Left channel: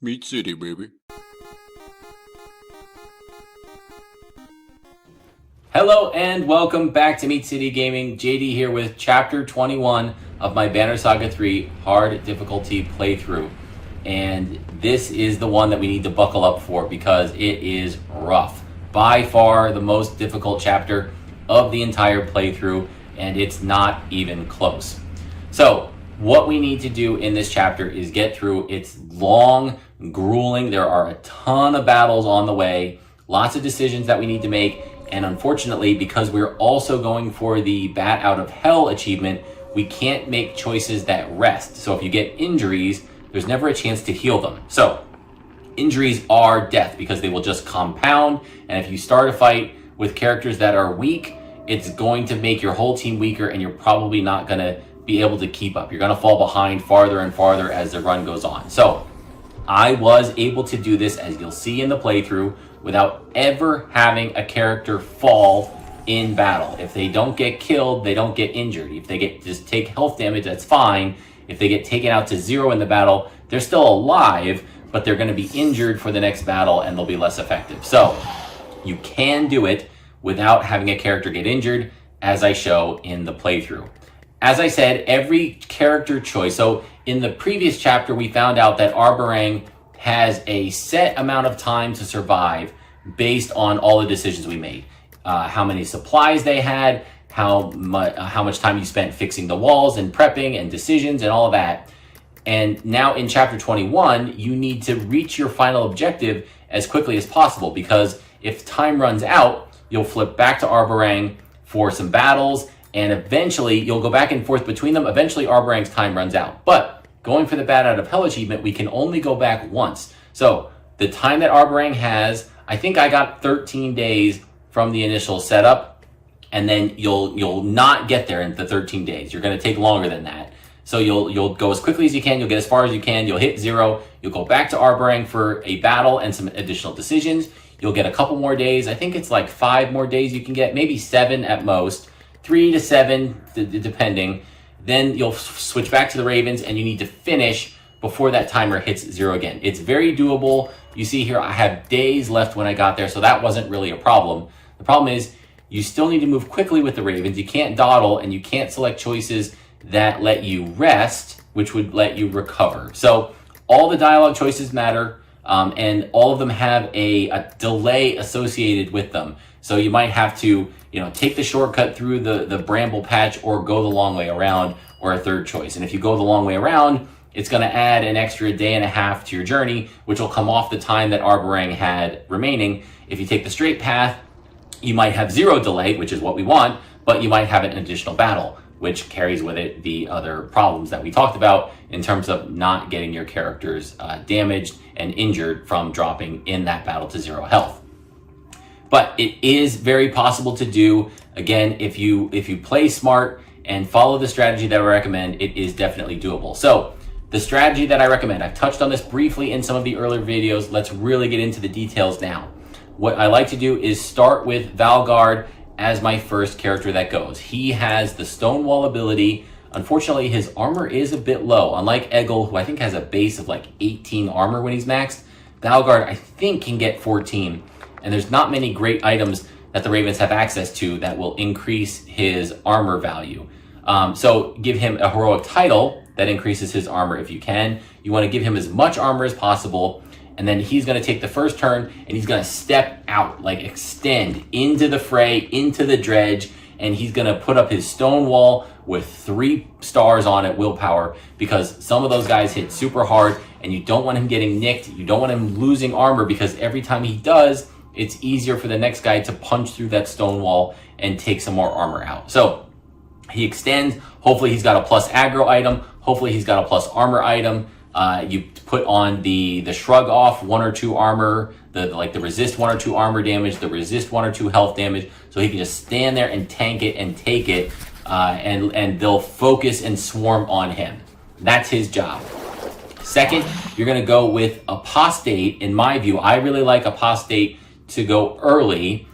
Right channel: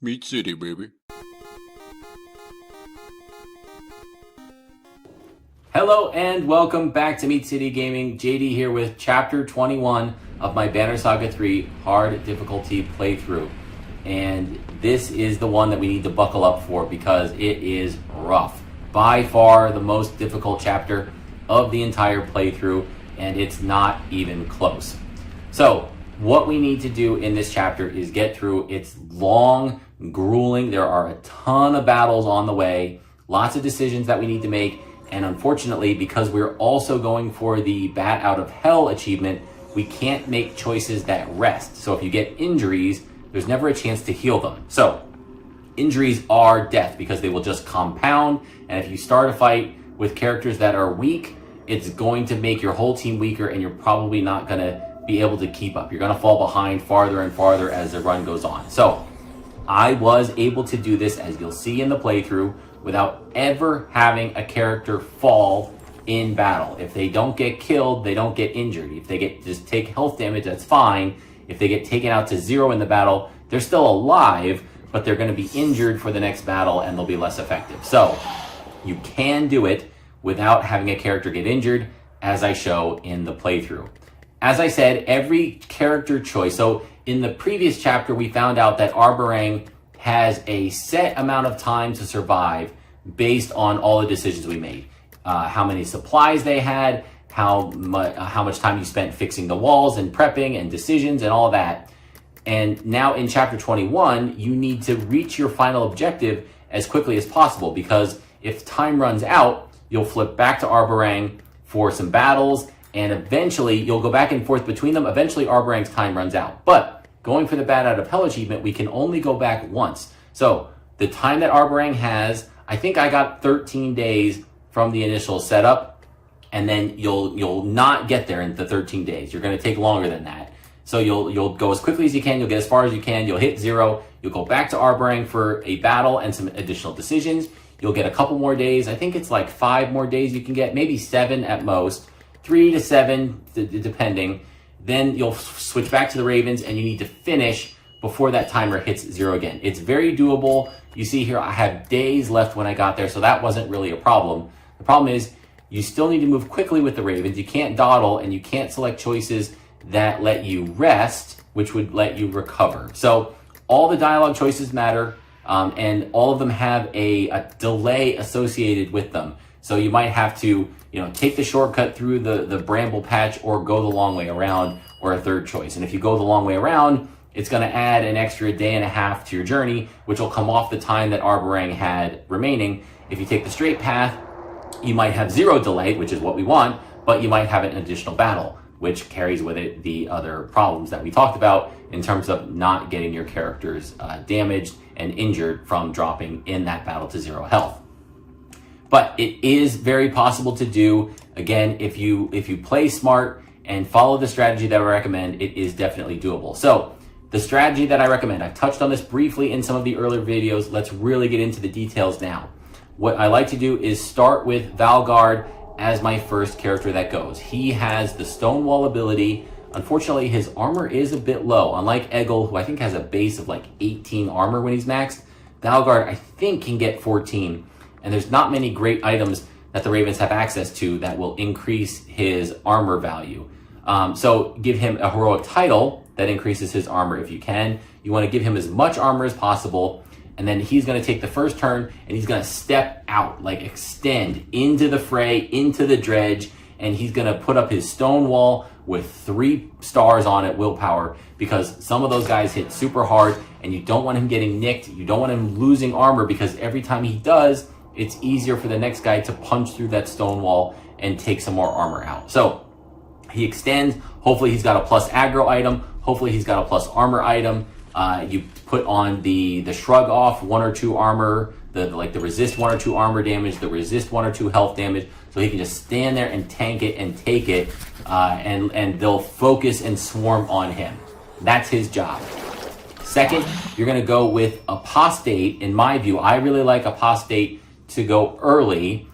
Meat City, baby. Hello and welcome back to Meat City Gaming. JD here with Chapter 21 of my Banner Saga 3 hard difficulty playthrough. And this is the one that we need to buckle up for because it is rough. By far the most difficult chapter of the entire playthrough, and it's not even close. So what we need to do in this chapter is get through. It's long, grueling. There are a ton of battles on the way, lots of decisions that we need to make. And unfortunately, because we're also going for the Bat Out of Hell achievement, we can't make choices that rest. So if you get injuries, there's never a chance to heal them. So injuries are death because they will just compound. And if you start a fight with characters that are weak, it's going to make your whole team weaker and you're probably not going to be able to keep up. You're going to fall behind farther and farther as the run goes on. So I was able to do this, as you'll see in the playthrough, without ever having a character fall in battle. If they don't get killed, they don't get injured. If they just take health damage, that's fine. If they get taken out to 0 in the battle, they're still alive, but they're going to be injured for the next battle and they'll be less effective. So you can do it without having a character get injured, as I show in the playthrough. As I said, every character choice. So in the previous chapter, we found out that Arberrang has a set amount of time to survive based on all the decisions we made. How many supplies they had, how much time you spent fixing the walls and prepping and decisions and all of that. And now in chapter 21, you need to reach your final objective as quickly as possible, because if time runs out, you'll flip back to Arberrang for some battles, and eventually you'll go back and forth between them. Eventually Arberrang's time runs out. But going for the Bat Out of Hell achievement, we can only go back once. So the time that Arberrang has, I think I got 13 days from the initial setup, and then you'll not get there in the 13 days. You're going to take longer than that. So you'll go as quickly as you can. You'll get as far as you can. You'll hit 0. You'll go back to Arberrang for a battle and some additional decisions. You'll get a couple more days. I think it's like 5 more days you can get, maybe 7 at most, 3 to 7 depending. Then you'll switch back to the Ravens and you need to finish before that timer hits 0 again. It's very doable. You see here, I have days left when I got there, so that wasn't really a problem. The problem is you still need to move quickly with the Ravens. You can't dawdle and you can't select choices that let you rest, which would let you recover. So all the dialogue choices matter, and all of them have a delay associated with them. So you might have to, take the shortcut through the bramble patch or go the long way around, or a third choice. And if you go the long way around, it's going to add an extra day and a half to your journey, which will come off the time that Arberrang had remaining. If you take the straight path, you might have 0 delay, which is what we want, but you might have an additional battle, which carries with it the other problems that we talked about in terms of not getting your characters damaged and injured from dropping in that battle to 0 health. But it is very possible to do. Again, if you play smart and follow the strategy that I recommend, it is definitely doable. So the strategy that I recommend, I've touched on this briefly in some of the earlier videos. Let's really get into the details now. What I like to do is start with Valgard as my first character that goes. He has the Stonewall ability. Unfortunately, his armor is a bit low. Unlike Eggle, who I think has a base of like 18 armor when he's maxed, Valgard, I think, can get 14. And there's not many great items that the Ravens have access to that will increase his armor value. So give him a heroic title that increases his armor if you can. You want to give him as much armor as possible. And then he's going to take the first turn and he's going to step out, like extend into the fray, into the dredge. And he's going to put up his stone wall with 3 stars on it, willpower, because some of those guys hit super hard and you don't want him getting nicked. You don't want him losing armor, because every time he does, it's easier for the next guy to punch through that stone wall and take some more armor out. So he extends. Hopefully he's got a plus aggro item. Hopefully he's got a plus armor item. You put on the shrug off 1 or 2 armor, the resist 1 or 2 armor damage, the resist 1 or 2 health damage, so he can just stand there and tank it and take it, and they'll focus and swarm on him. That's his job. Second, you're going to go with Apostate. In my view, I really like Apostate to go early,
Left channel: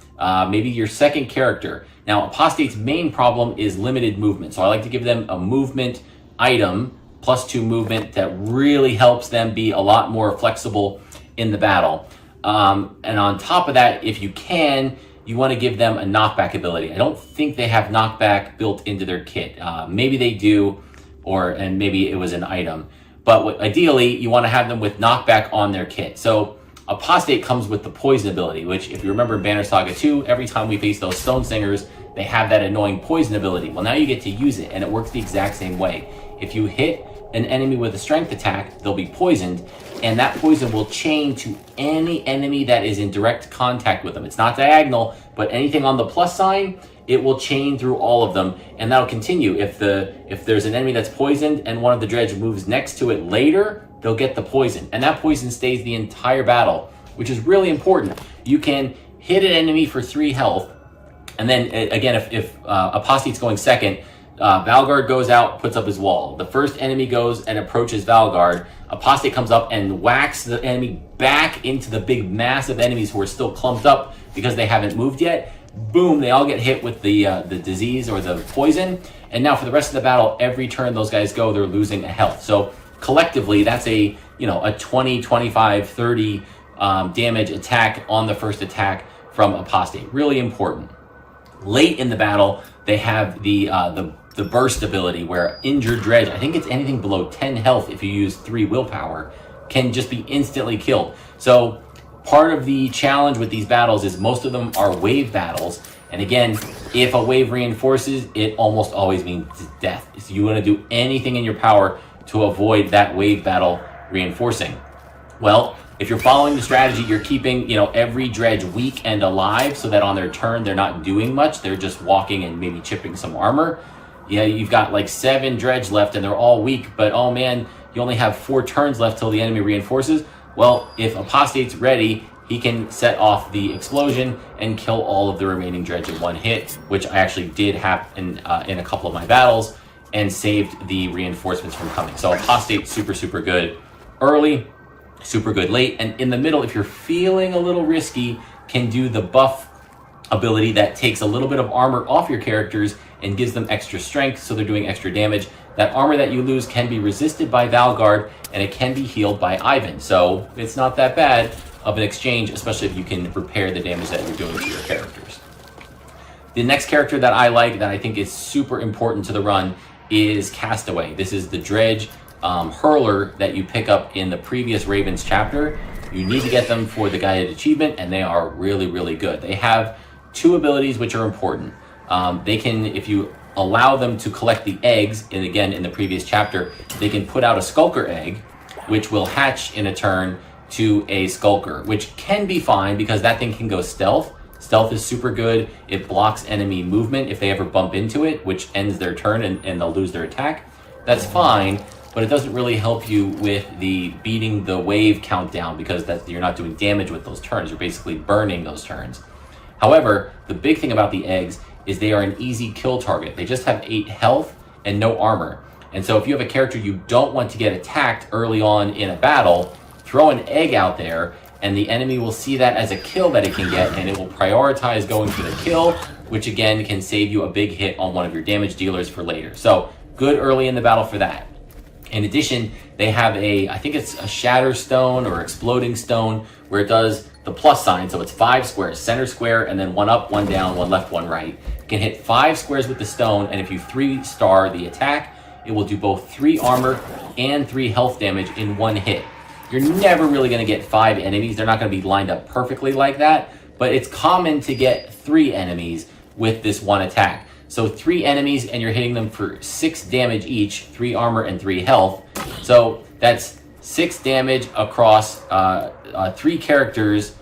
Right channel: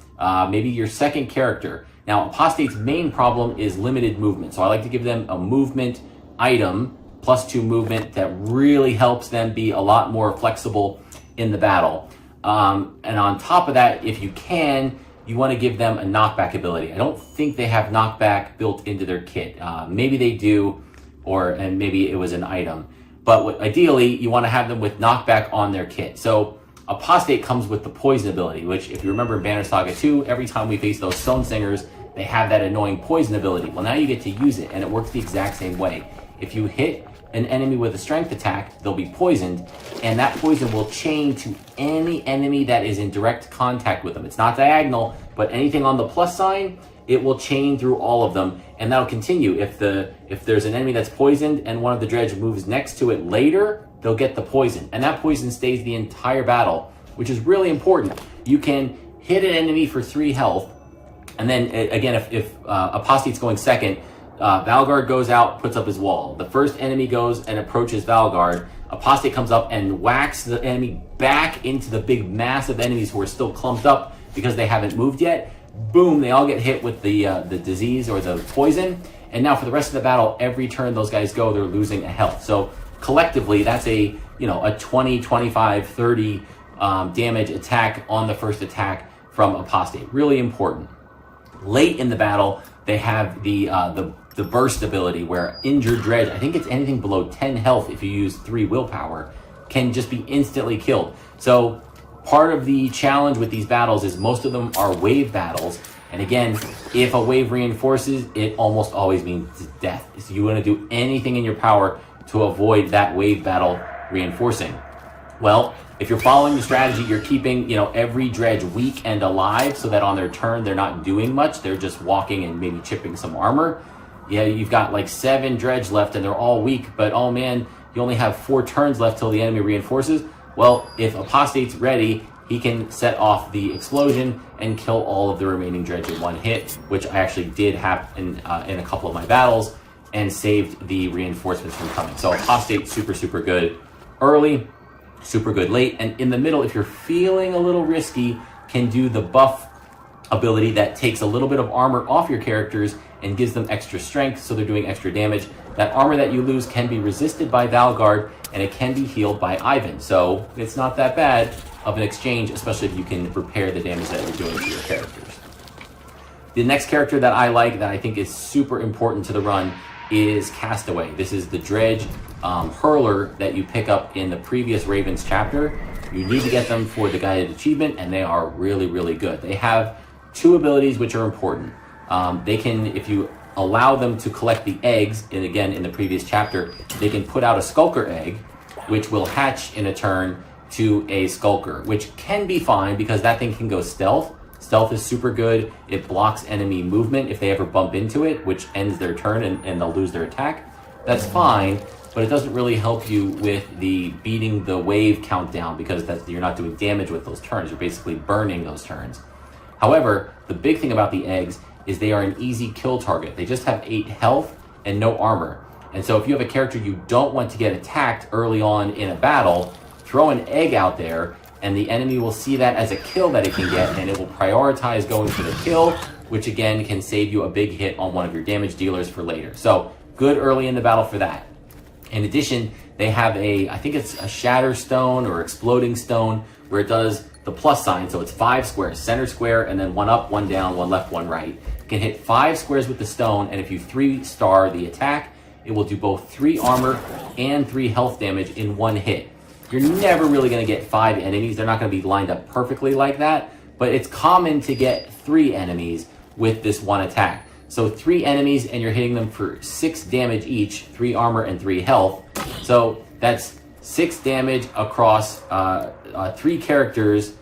maybe your second character. Now, Apostate's main problem is limited movement, so I like to give them a movement item +2 movement that really helps them be a lot more flexible in the battle. And on top of that, if you can, you want to give them a knockback ability. I don't think they have knockback built into their kit. Maybe they do, and maybe it was an item. But ideally, you want to have them with knockback on their kit. So Apostate comes with the poison ability, which if you remember in Banner Saga 2, every time we face those Stone Singers, they have that annoying poison ability. Well, now you get to use it, and it works the exact same way. If you hit an enemy with a strength attack, they'll be poisoned, and that poison will chain to any enemy that is in direct contact with them. It's not diagonal, but anything on the plus sign, it will chain through all of them, and that'll continue. If there's an enemy that's poisoned and one of the dredge moves next to it later, they'll get the poison, and that poison stays the entire battle, which is really important. You can hit an enemy for 3 health, and then again, if Apostate's going second, Valgard goes out, puts up his wall. The first enemy goes and approaches Valgard. Apostate comes up and whacks the enemy back into the big mass of enemies who are still clumped up because they haven't moved yet. Boom, they all get hit with the disease or the poison. And now for the rest of the battle, every turn those guys go, they're losing a health. So collectively, that's a 20, 25, 30 damage attack on the first attack from Apostate. Really important. Late in the battle, they have the burst ability where injured dredge, I think it's anything below 10 health if you use 3 willpower, can just be instantly killed. So part of the challenge with these battles is most of them are wave battles. And again, if a wave reinforces, it almost always means death. So you want to do anything in your power to avoid that wave battle reinforcing. Well, if you're following the strategy, you're keeping, every dredge weak and alive so that on their turn, they're not doing much. They're just walking and maybe chipping some armor. Yeah, you've got like 7 dredge left and they're all weak, but oh man, you only have 4 turns left till the enemy reinforces. Well, if Apostate's ready, he can set off the explosion and kill all of the remaining dredge in one hit, which I actually did have in a couple of my battles and saved the reinforcements from coming. So Apostate, super good early, super good late, and in the middle, if you're feeling a little risky, can do the buff ability that takes a little bit of armor off your characters and gives them extra strength, so they're doing extra damage. That armor that you lose can be resisted by Valgard, and it can be healed by Ivan. So it's not that bad of an exchange, especially if you can repair the damage that you're doing to your characters. The next character that I like, that I think is super important to the run, is Castaway. This is the dredge hurler that you pick up in the previous Ravens chapter. You need to get them for the guided achievement, and they are really good. They have 2 abilities which are important. They can, if you allow them to collect the eggs, and again in the previous chapter, they can put out a skulker egg, which will hatch in a turn to a skulker, which can be fine because that thing can go stealth. Stealth is super good. It blocks enemy movement if they ever bump into it, which ends their turn and they'll lose their attack. That's fine, but it doesn't really help you with the beating the wave countdown because you're not doing damage with those turns. You're basically burning those turns. However, the big thing about the eggs is they are an easy kill target. They just have 8 health and no armor. And so if you have a character you don't want to get attacked early on in a battle, throw an egg out there and the enemy will see that as a kill that it can get, and it will prioritize going for the kill, which again can save you a big hit on one of your damage dealers for later. So good early in the battle for that. In addition, they have I think it's a shatter stone or exploding stone, where it does the plus sign. So it's 5 squares, center square, and then 1 up, 1 down, 1 left, 1 right. You can hit 5 squares with the stone, and if you 3-star the attack, it will do both 3 armor and 3 health damage in 1 hit. You're never really going to get 5 enemies. They're not going to be lined up perfectly like that, but it's common to get 3 enemies with this 1 attack. So 3 enemies, and you're hitting them for 6 damage each, 3 armor and 3 health. So that's 6 damage across 3 characters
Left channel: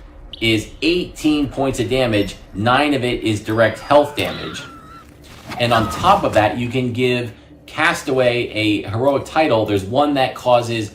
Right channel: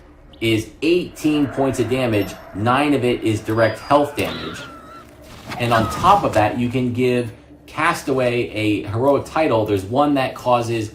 is 18 points of damage. 9 of it is direct health damage. And on top of that, you can give Castaway a heroic title. There's one that causes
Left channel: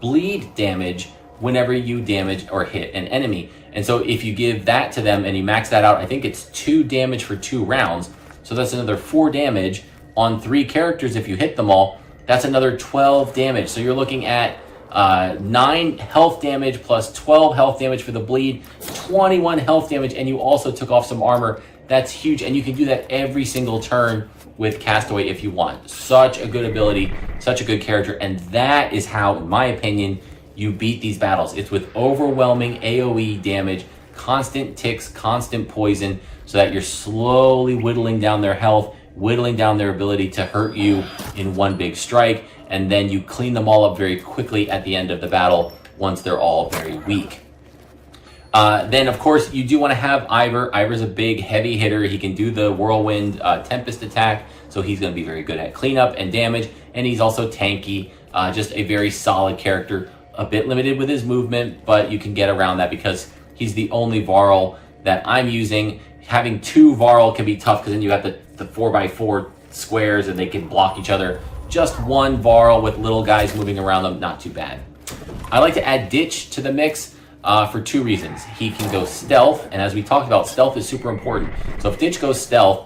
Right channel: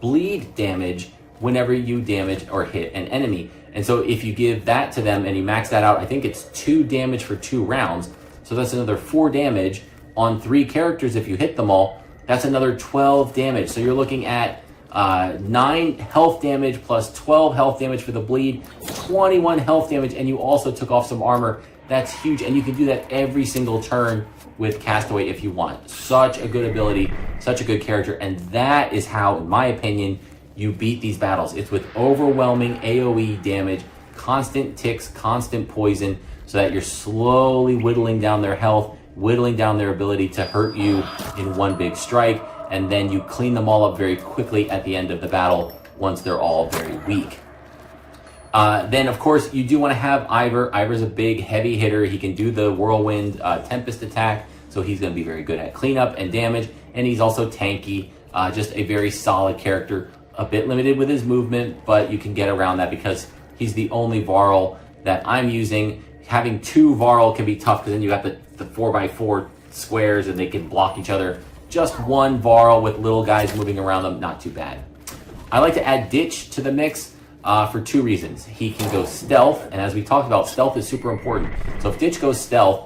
bleed damage whenever you damage or hit an enemy. And so if you give that to them and you max that out, I think it's 2 damage for 2 rounds. So that's another 4 damage on 3 characters if you hit them all. That's another 12 damage. So you're looking at 9 health damage plus 12 health damage for the bleed, 21 health damage, and you also took off some armor. That's huge, and you can do that every single turn with Castaway if you want. Such a good ability, such a good character, and that is how, in my opinion, you beat these battles. It's with overwhelming AoE damage, constant ticks, constant poison, so that you're slowly whittling down their health, whittling down their ability to hurt you in one big strike, and then you clean them all up very quickly at the end of the battle once they're all very weak. Then, of course, you do want to have Ivor. Ivor's a big, heavy hitter. He can do the Whirlwind Tempest attack, so he's going to be very good at cleanup and damage, and he's also tanky, just a very solid character. A bit limited with his movement, but you can get around that because he's the only Varl that I'm using. Having two Varl can be tough because then you got the 4x4 squares and they can block each other. Just one Varl with little guys moving around them, not too bad. I like to add Ditch to the mix for two reasons. He can go stealth, and as we talked about, stealth is super important. So if Ditch goes stealth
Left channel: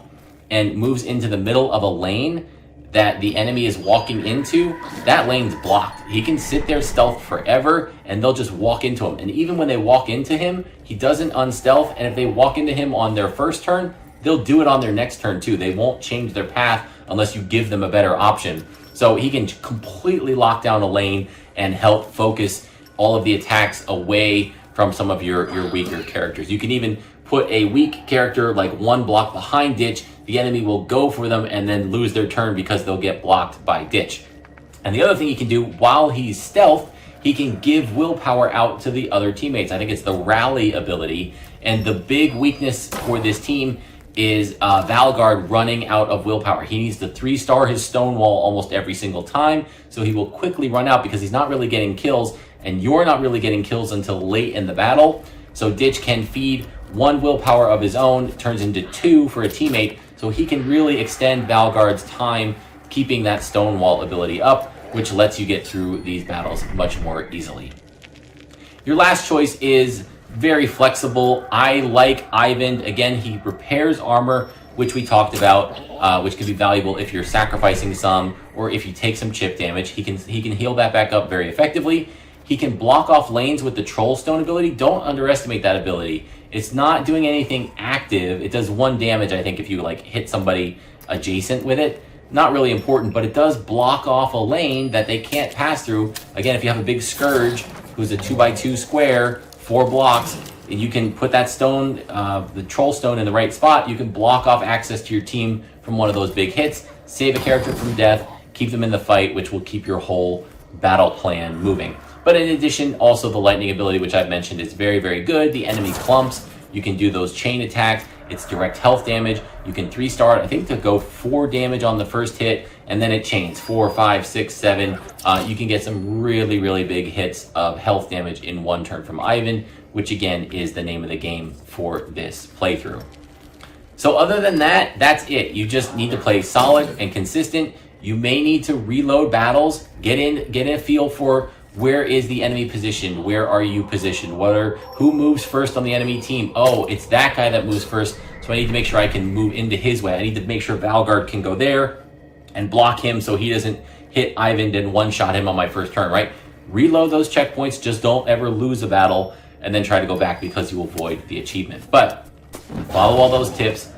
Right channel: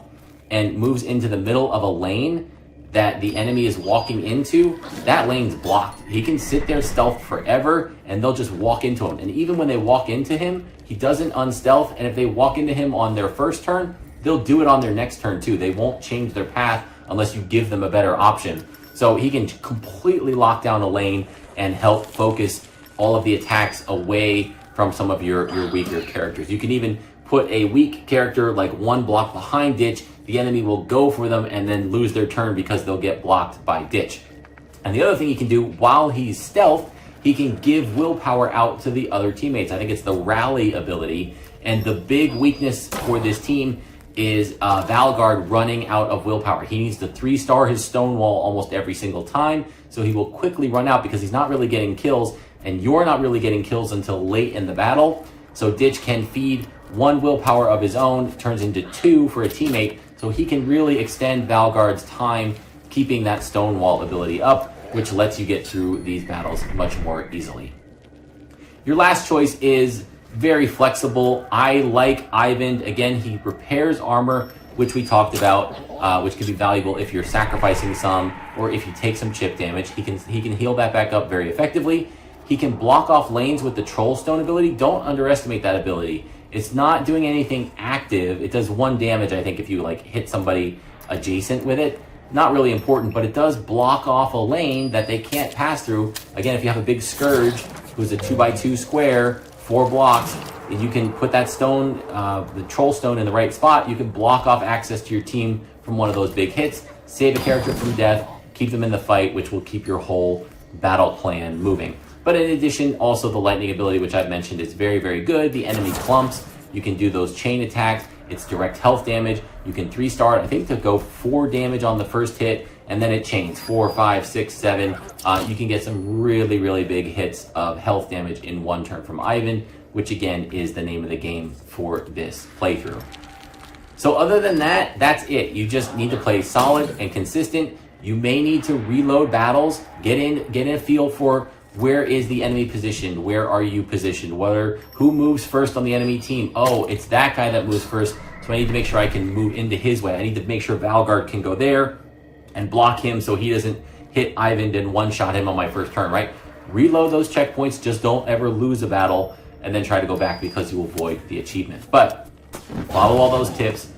and moves into the middle of a lane that the enemy is walking into, that lane's blocked. He can sit there stealth forever and they'll just walk into him. And even when they walk into him, he doesn't unstealth. And if they walk into him on their first turn, they'll do it on their next turn too. They won't change their path unless you give them a better option. So he can completely lock down a lane and help focus all of the attacks away from some of your weaker characters. You can even put a weak character like one block behind Ditch. The enemy will go for them and then lose their turn because they'll get blocked by Ditch. And the other thing he can do while he's stealth, he can give willpower out to the other teammates. I think it's the rally ability. And the big weakness for this team is Valgard running out of willpower. He needs to 3-star his Stonewall almost every single time, so he will quickly run out because he's not really getting kills, and you're not really getting kills until late in the battle. So Ditch can feed one willpower of his own, turns into 2 for a teammate, so he can really extend Valgard's time keeping that Stonewall ability up, which lets you get through these battles much more easily. Your last choice is very flexible. I like Ivan. Again, he repairs armor, which we talked about, which can be valuable if you're sacrificing some or if you take some chip damage. He can heal that back up very effectively. He can block off lanes with the Troll Stone ability. Don't underestimate that ability. It's not doing anything active. It does 1 damage, I think, if you like hit somebody adjacent with it. Not really important, but it does block off a lane that they can't pass through. Again, if you have a big Scourge, who's a 2x2 square, 4 blocks, and you can put that stone, the Troll Stone in the right spot, you can block off access to your team from one of those big hits, save a character from death, keep them in the fight, which will keep your whole battle plan moving. But in addition, also the lightning ability, which I've mentioned, is very, very good. The enemy clumps. You can do those chain attacks. It's direct health damage. You can 3-star it, I think, to go 4 damage on the first hit, and then it chains 4, 5, 6, 7. You can get some really, really big hits of health damage in 1 turn from Ivan, which again is the name of the game for this playthrough. So other than that, that's it. You just need to play solid and consistent. You may need to reload battles, get in a feel for where is the enemy positioned, where are you positioned, who moves first on the enemy team. Oh, it's that guy that moves first, so I need to make sure I can move into his way. I need to make sure Valgard can go there and block him so he doesn't hit Ivan and one-shot him on my first turn, right? Reload those checkpoints, just don't ever lose a battle and then try to go back because you avoid the achievement. But follow all those tips.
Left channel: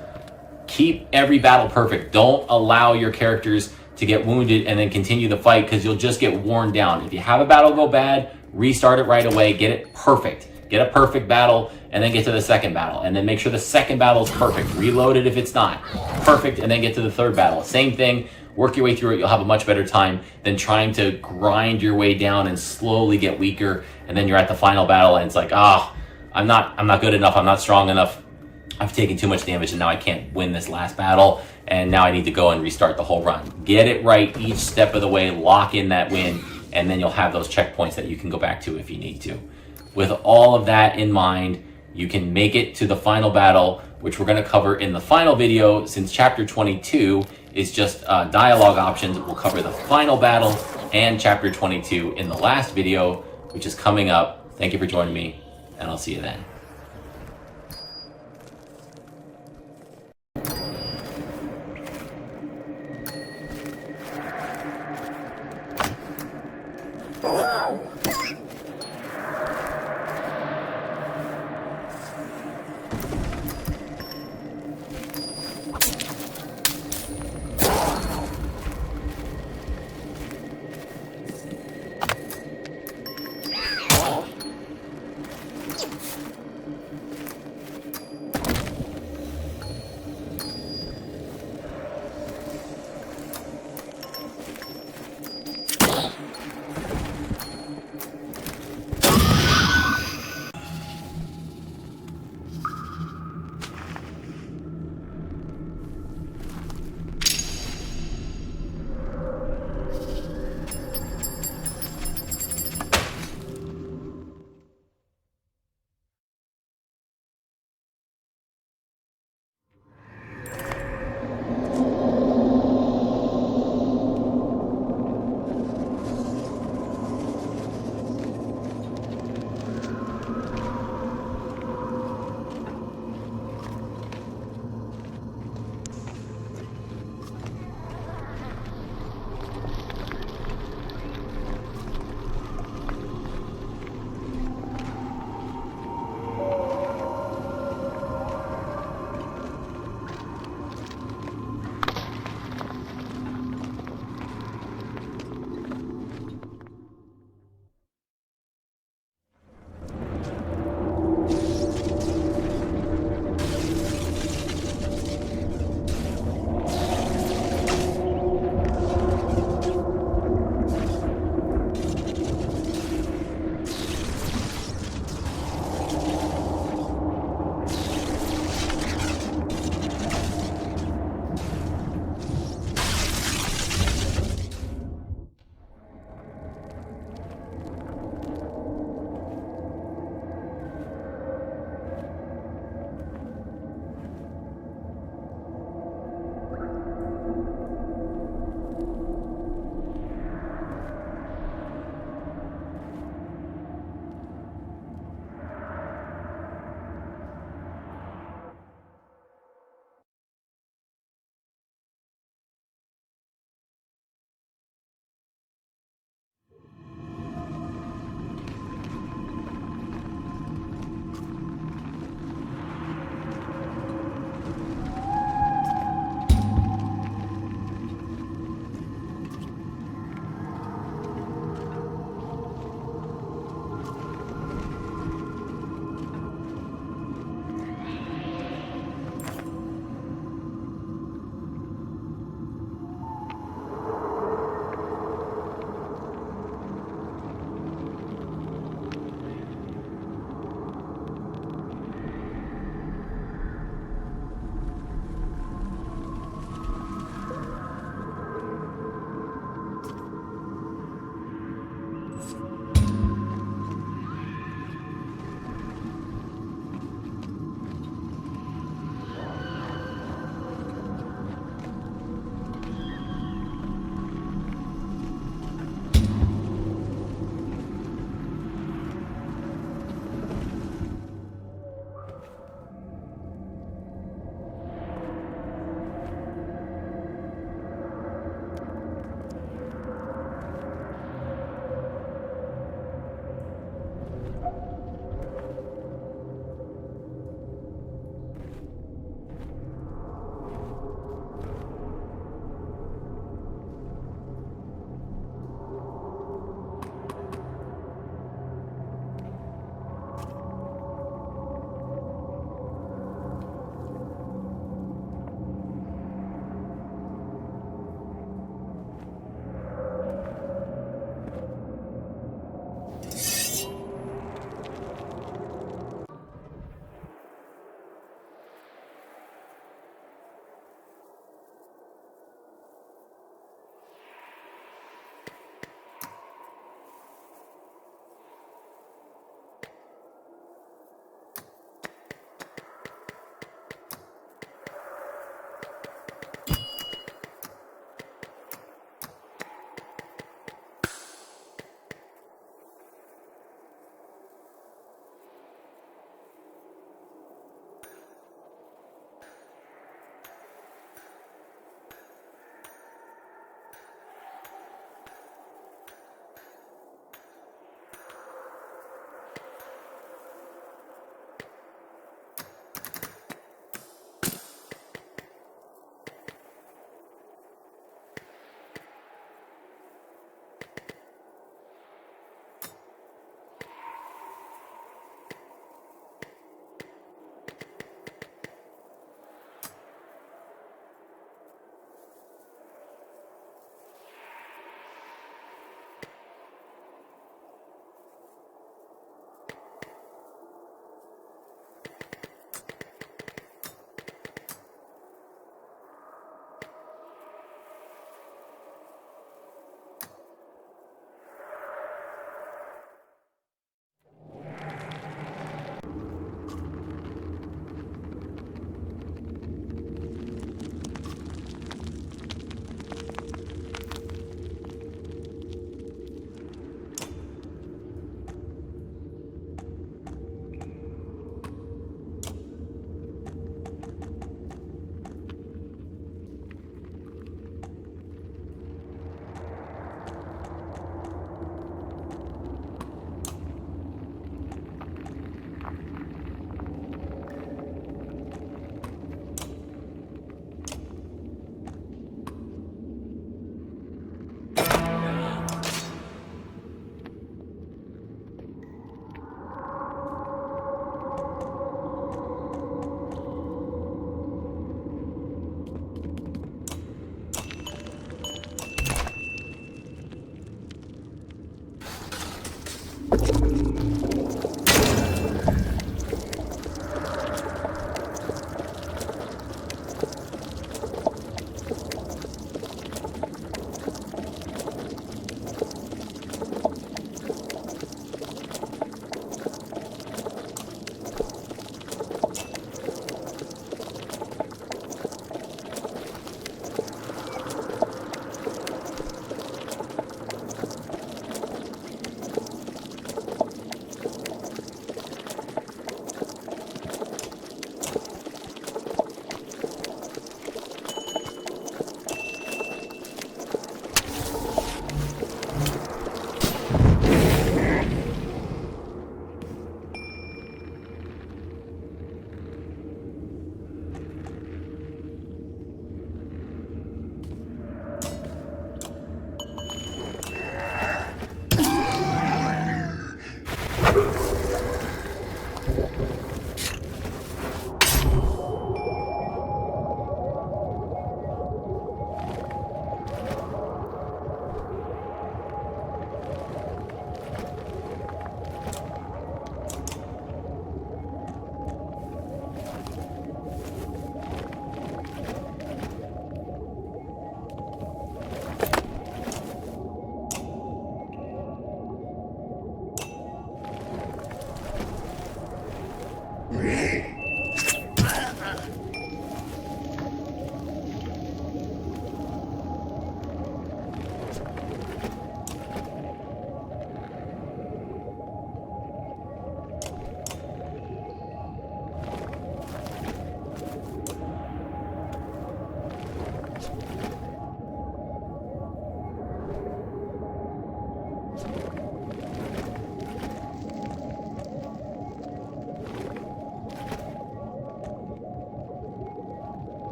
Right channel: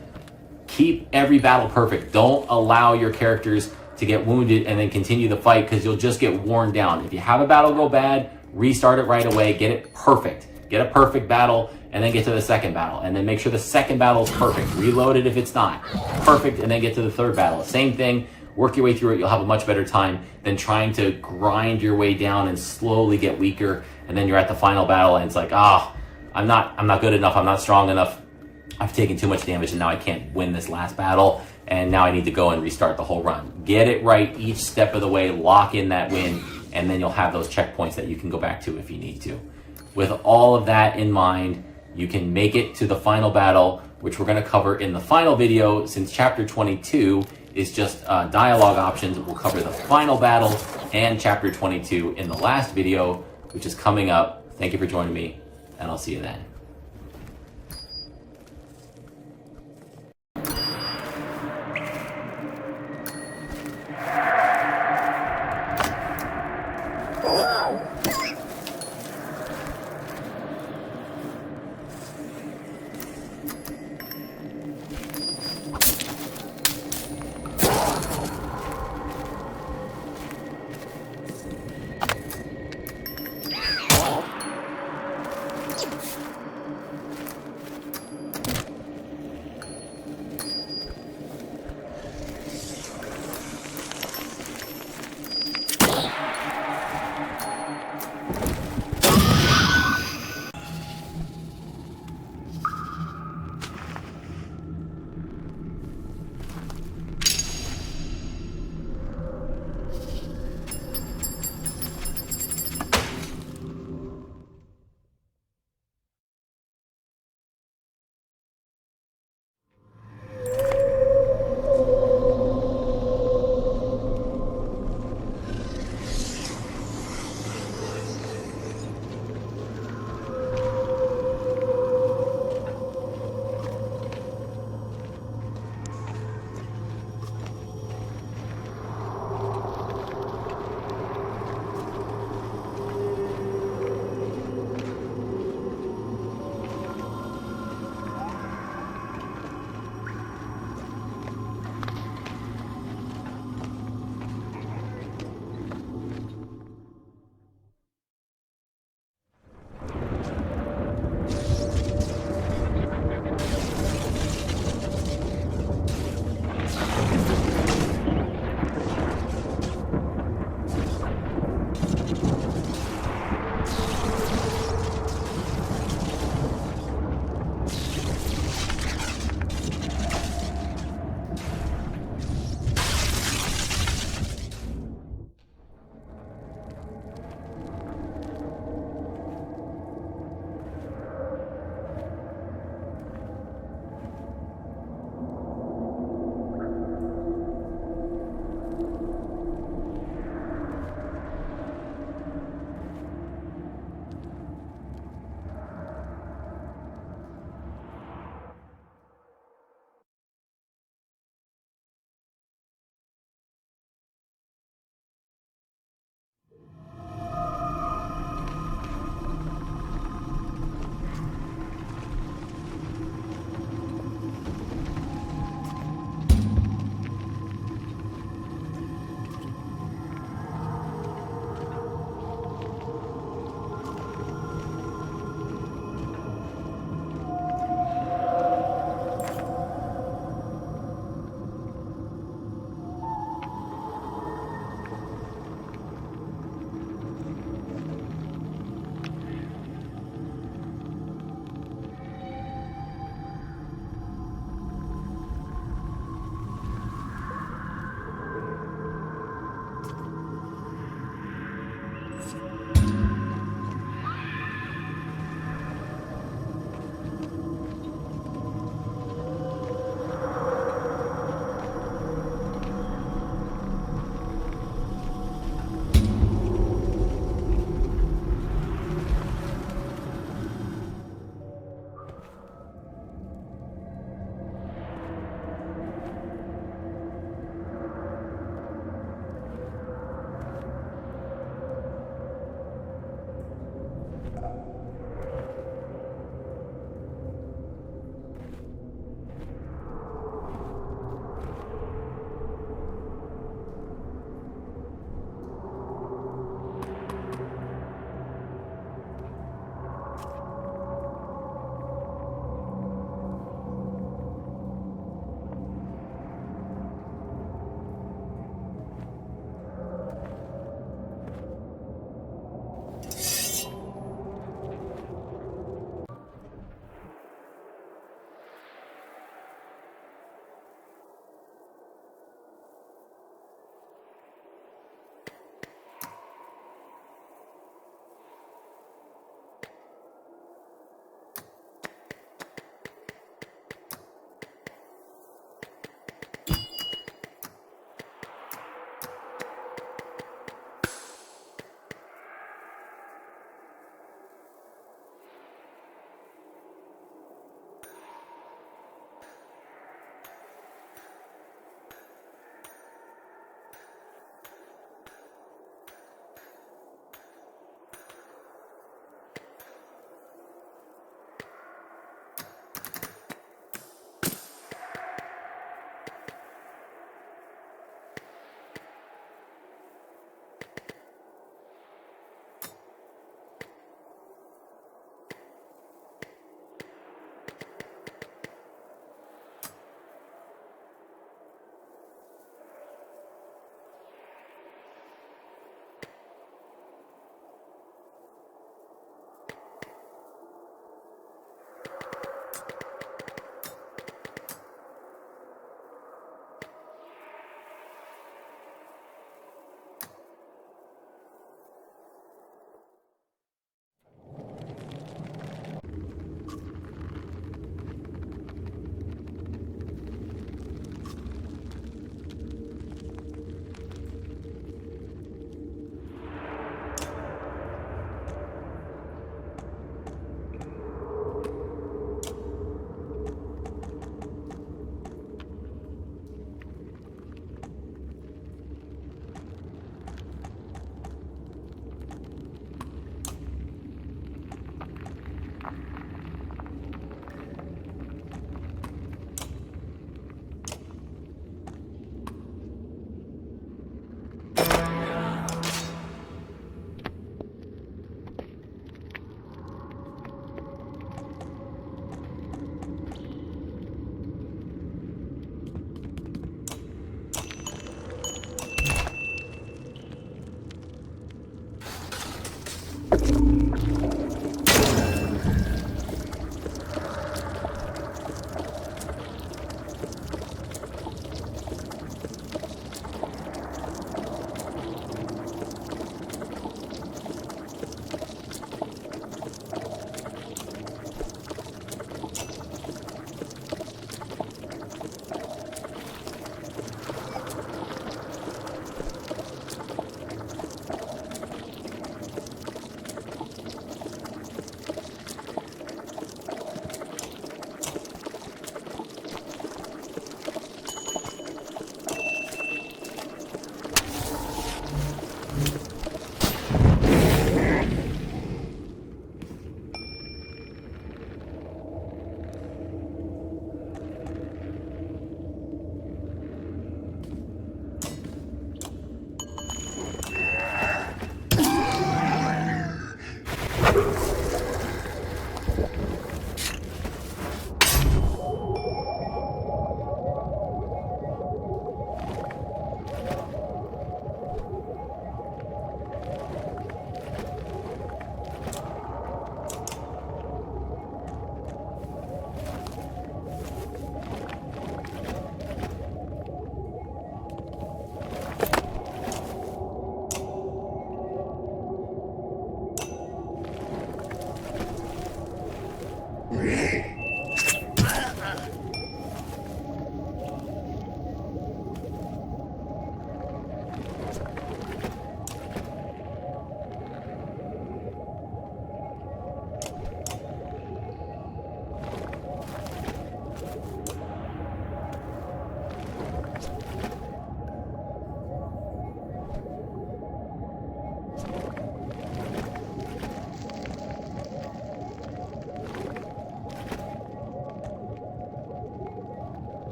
Keep every battle perfect. Don't allow your characters to get wounded and then continue the fight because you'll just get worn down. If you have a battle go bad, restart it right away, get it perfect. Get a perfect battle and then get to the second battle. And then make sure the second battle is perfect. Reload it if it's not. Perfect, and then get to the third battle. Same thing, work your way through it. You'll have a much better time than trying to grind your way down and slowly get weaker. And then you're at the final battle and it's like, I'm not good enough, I'm not strong enough. I've taken too much damage and now I can't win this last battle. And now I need to go and restart the whole run. Get it right each step of the way, lock in that win, and then you'll have those checkpoints that you can go back to if you need to. With all of that in mind, you can make it to the final battle, which we're going to cover in the final video. Since chapter 22 is just dialogue options, we'll cover the final battle and chapter 22 in the last video, which is coming up. Thank you for joining me, and I'll see you then.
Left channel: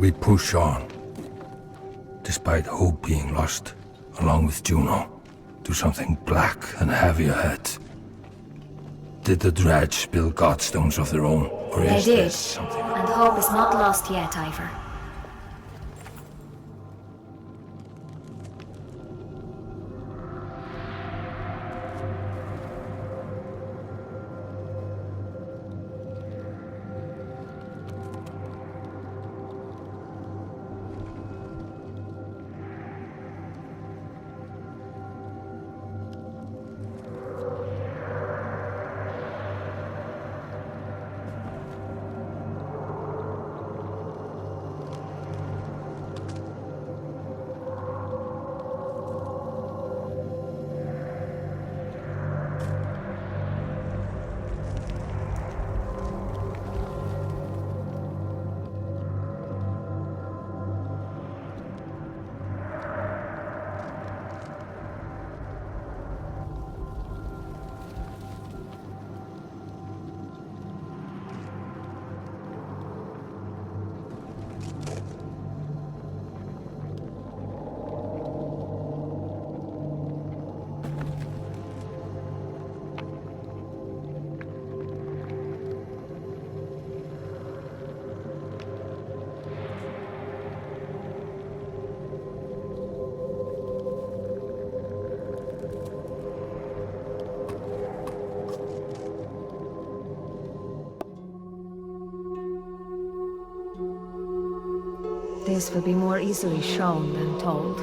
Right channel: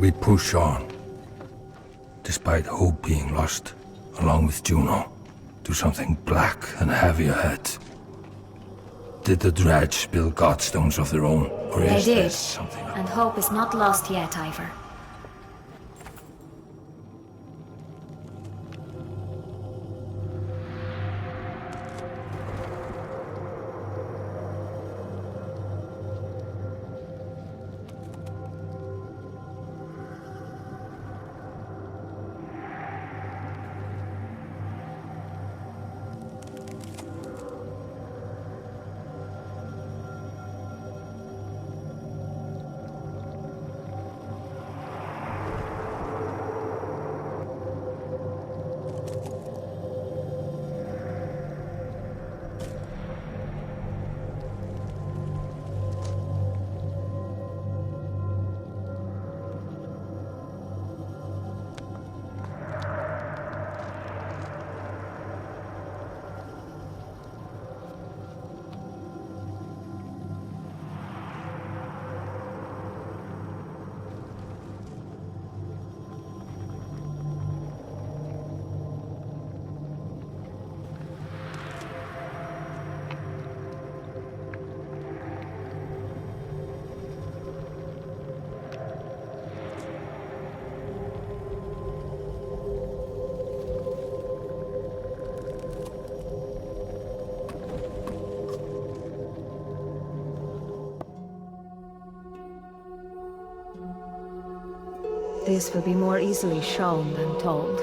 We push on, despite hope being lost, along with Juno, to something black and heavy ahead. Did the dredge build godstones of their own, or They is did, this something? and hope is not lost yet, Ivor. This will be more easily shown than told.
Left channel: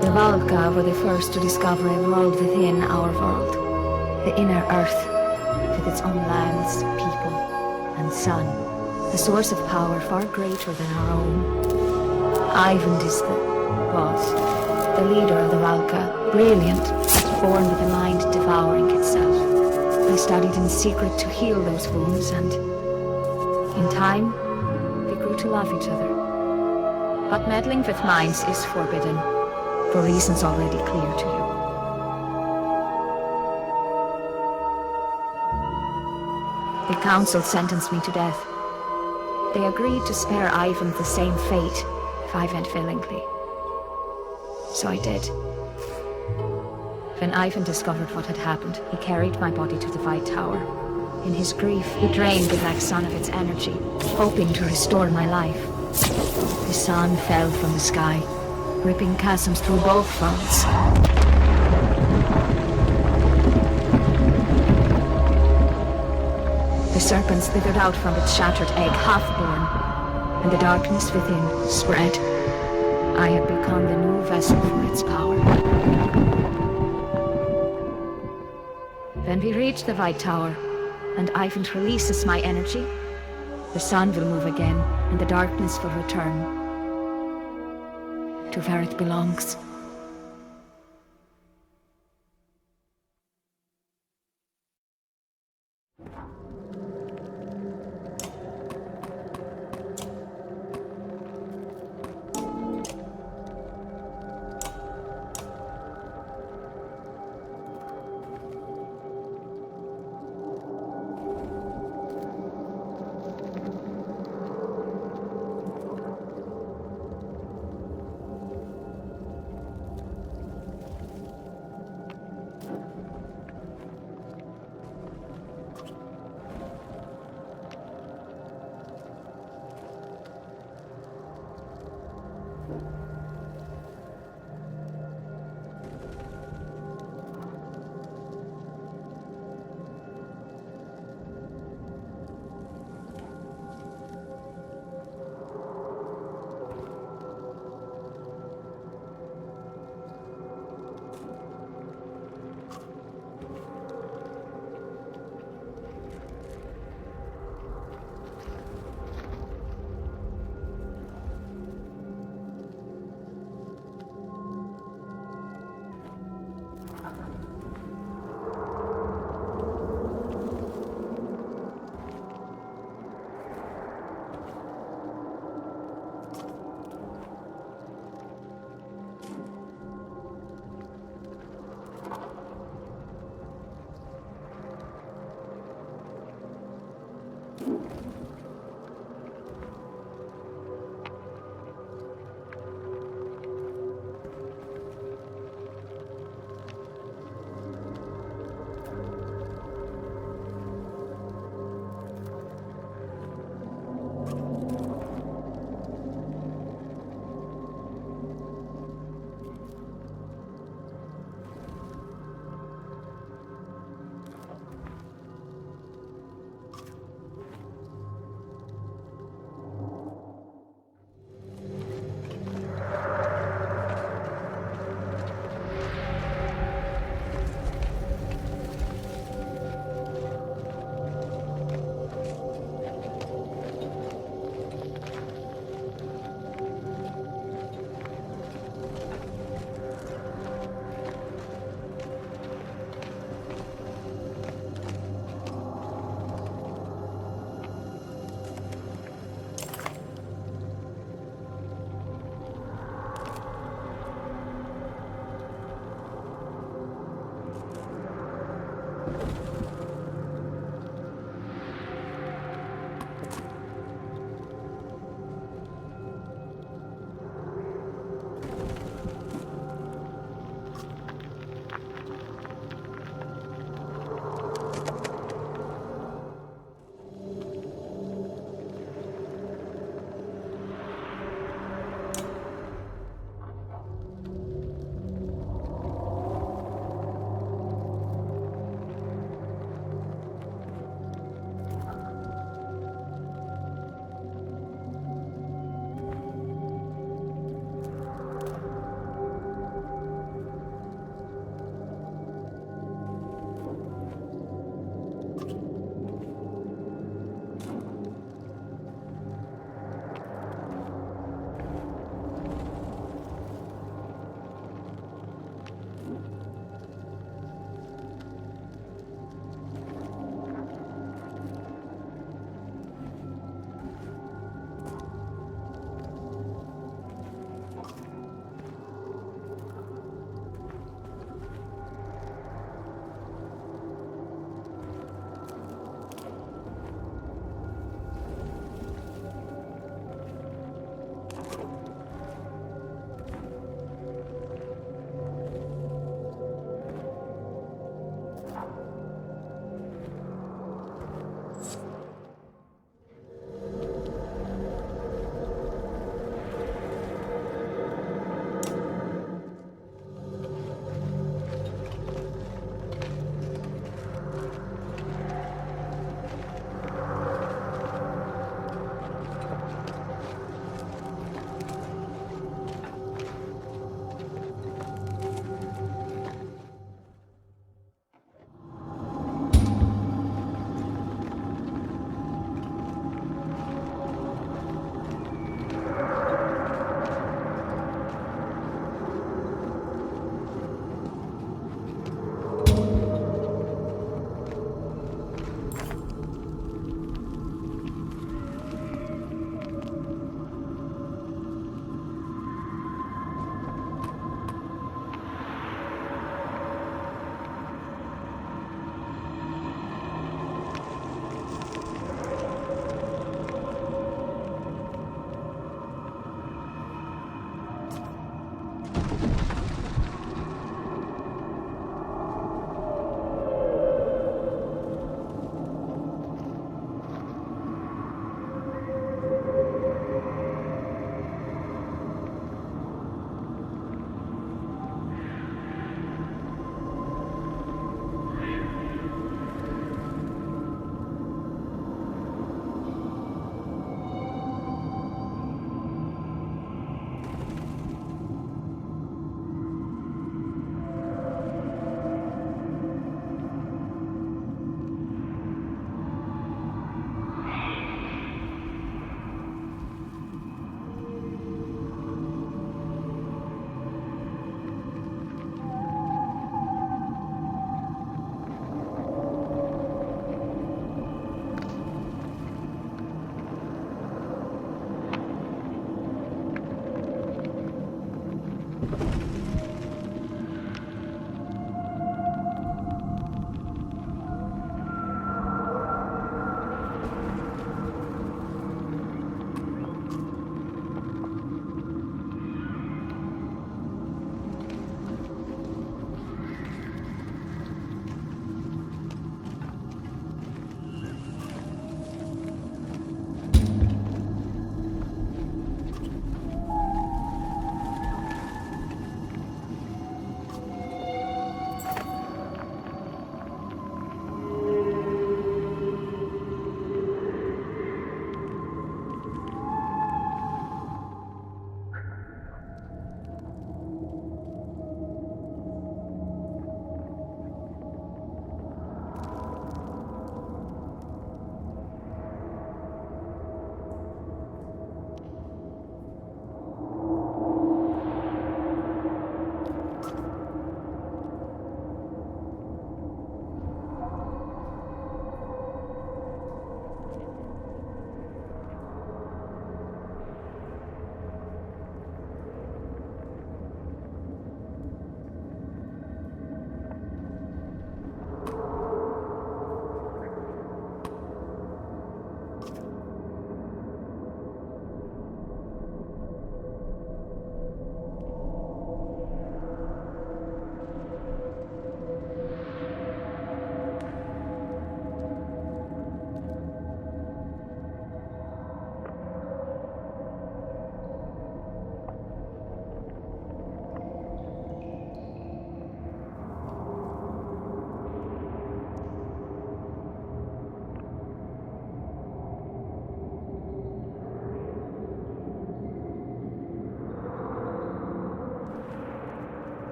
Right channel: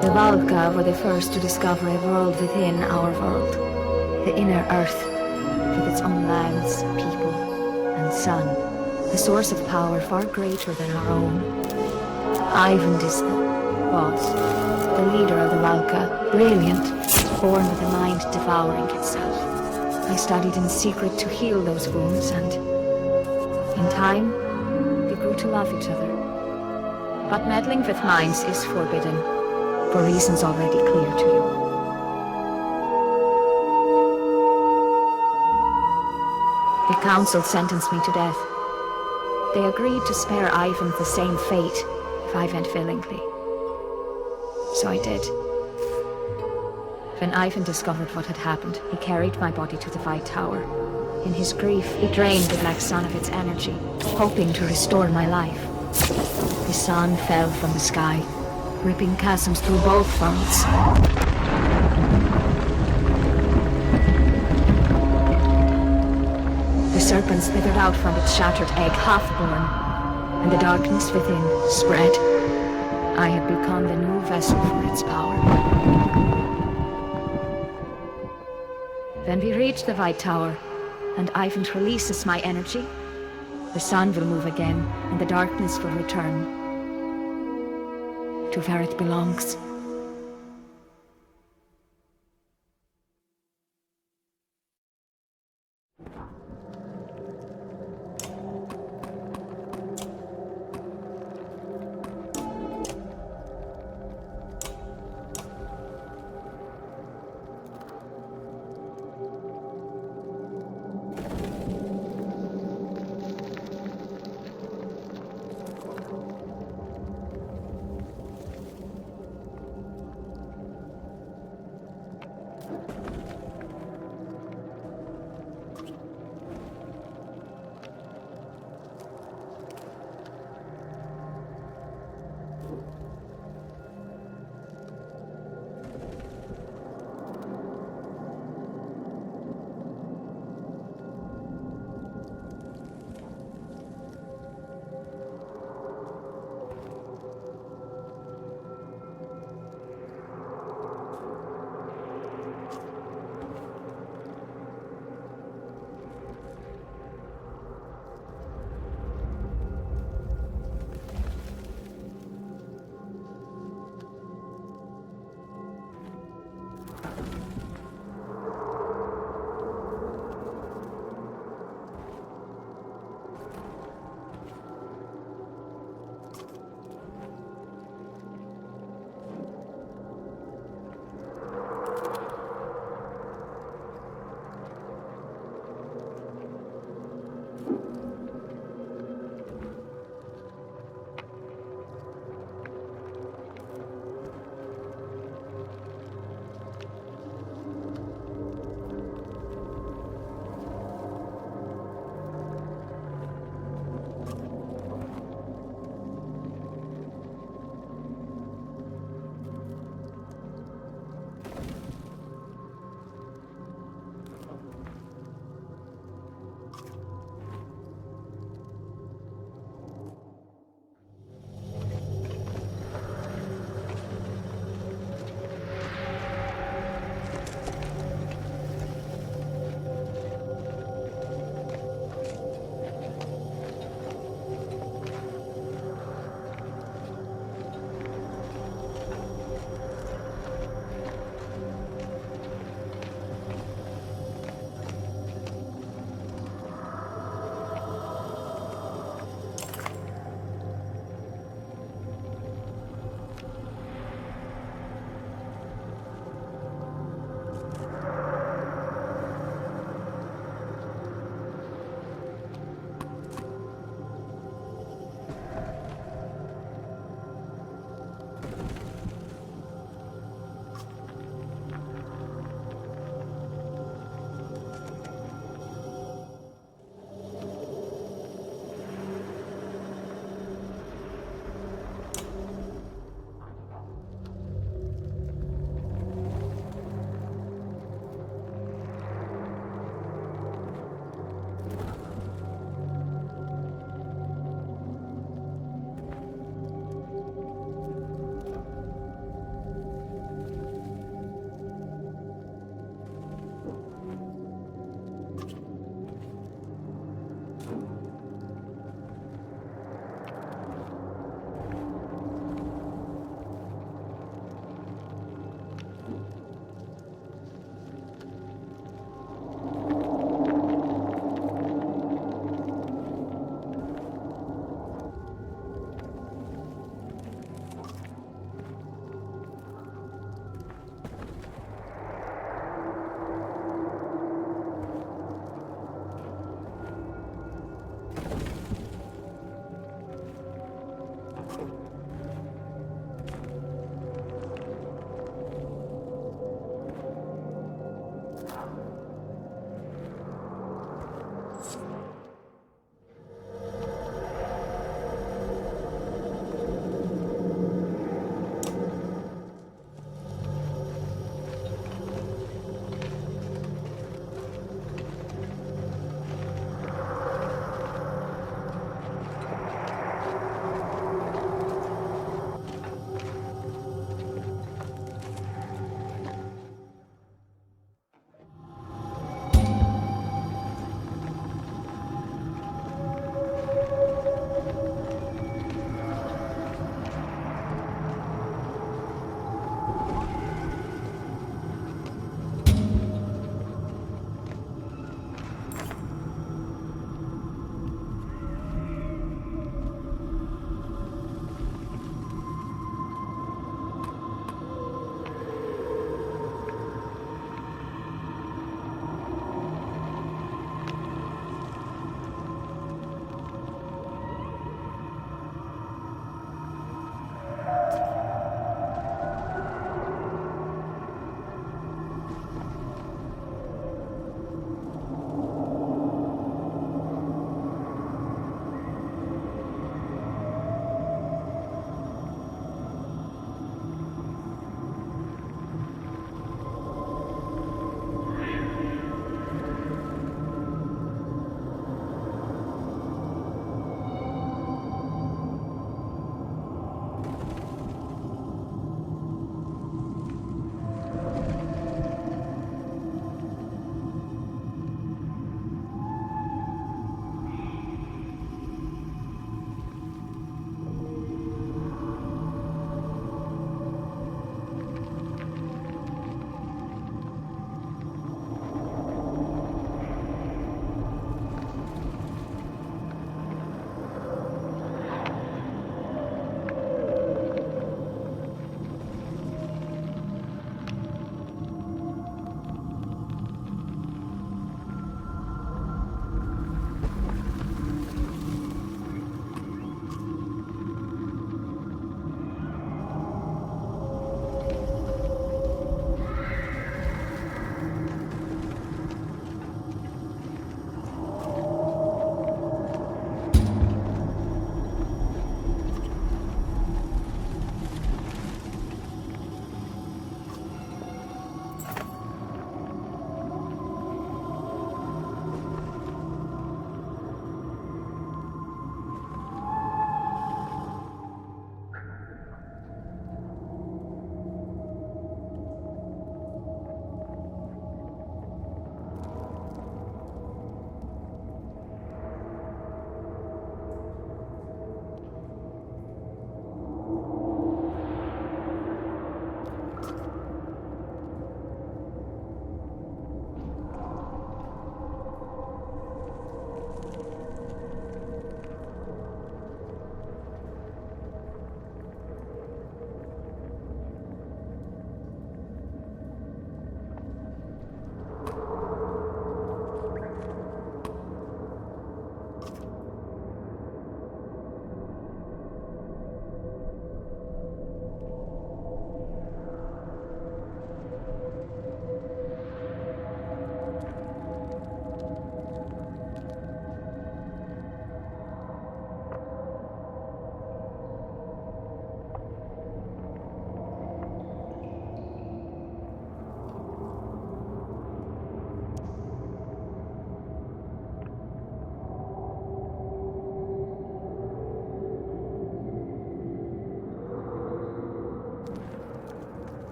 The Valka were the first to discover a world within our world. The inner Earth, with its own lands, people, and sun. A source of power far greater than our own. Ivan is the boss, the leader of the Valka, brilliant, born with a mind devouring itself. I studied in secret to heal those wounds, and in time, we grew to love each other. But meddling with minds is forbidden, for reasons already clear to you. The council sentenced me to death. They agreed to spare Ivan the same fate if I went willingly. So I did. When Ivan discovered what had happened, he carried my body to the White Tower. In his grief, he drained the Black Sun of its energy, hoping to restore my life. The sun fell from the sky, ripping chasms through both worlds. The serpent slithered out from its shattered egg, half-born, and the darkness within spread. I had become the new vessel for its power. When we reach the White Tower, and Ivan releases my energy, the sun will move again, and the darkness will return to where it belongs.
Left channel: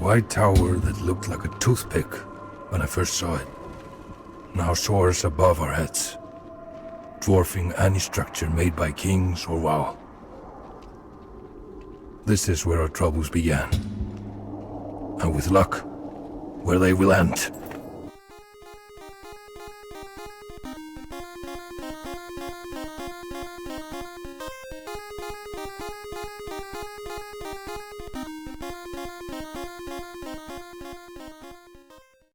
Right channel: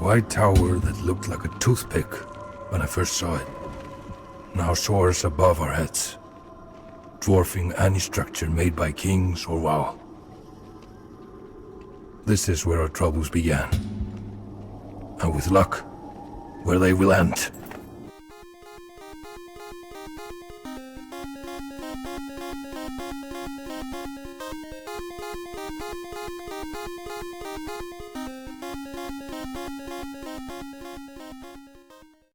white tower that looked like a toothpick when I first saw it now soars above our heads, dwarfing any structure made by kings or WoW. This is where our troubles began, and with luck, where they will end.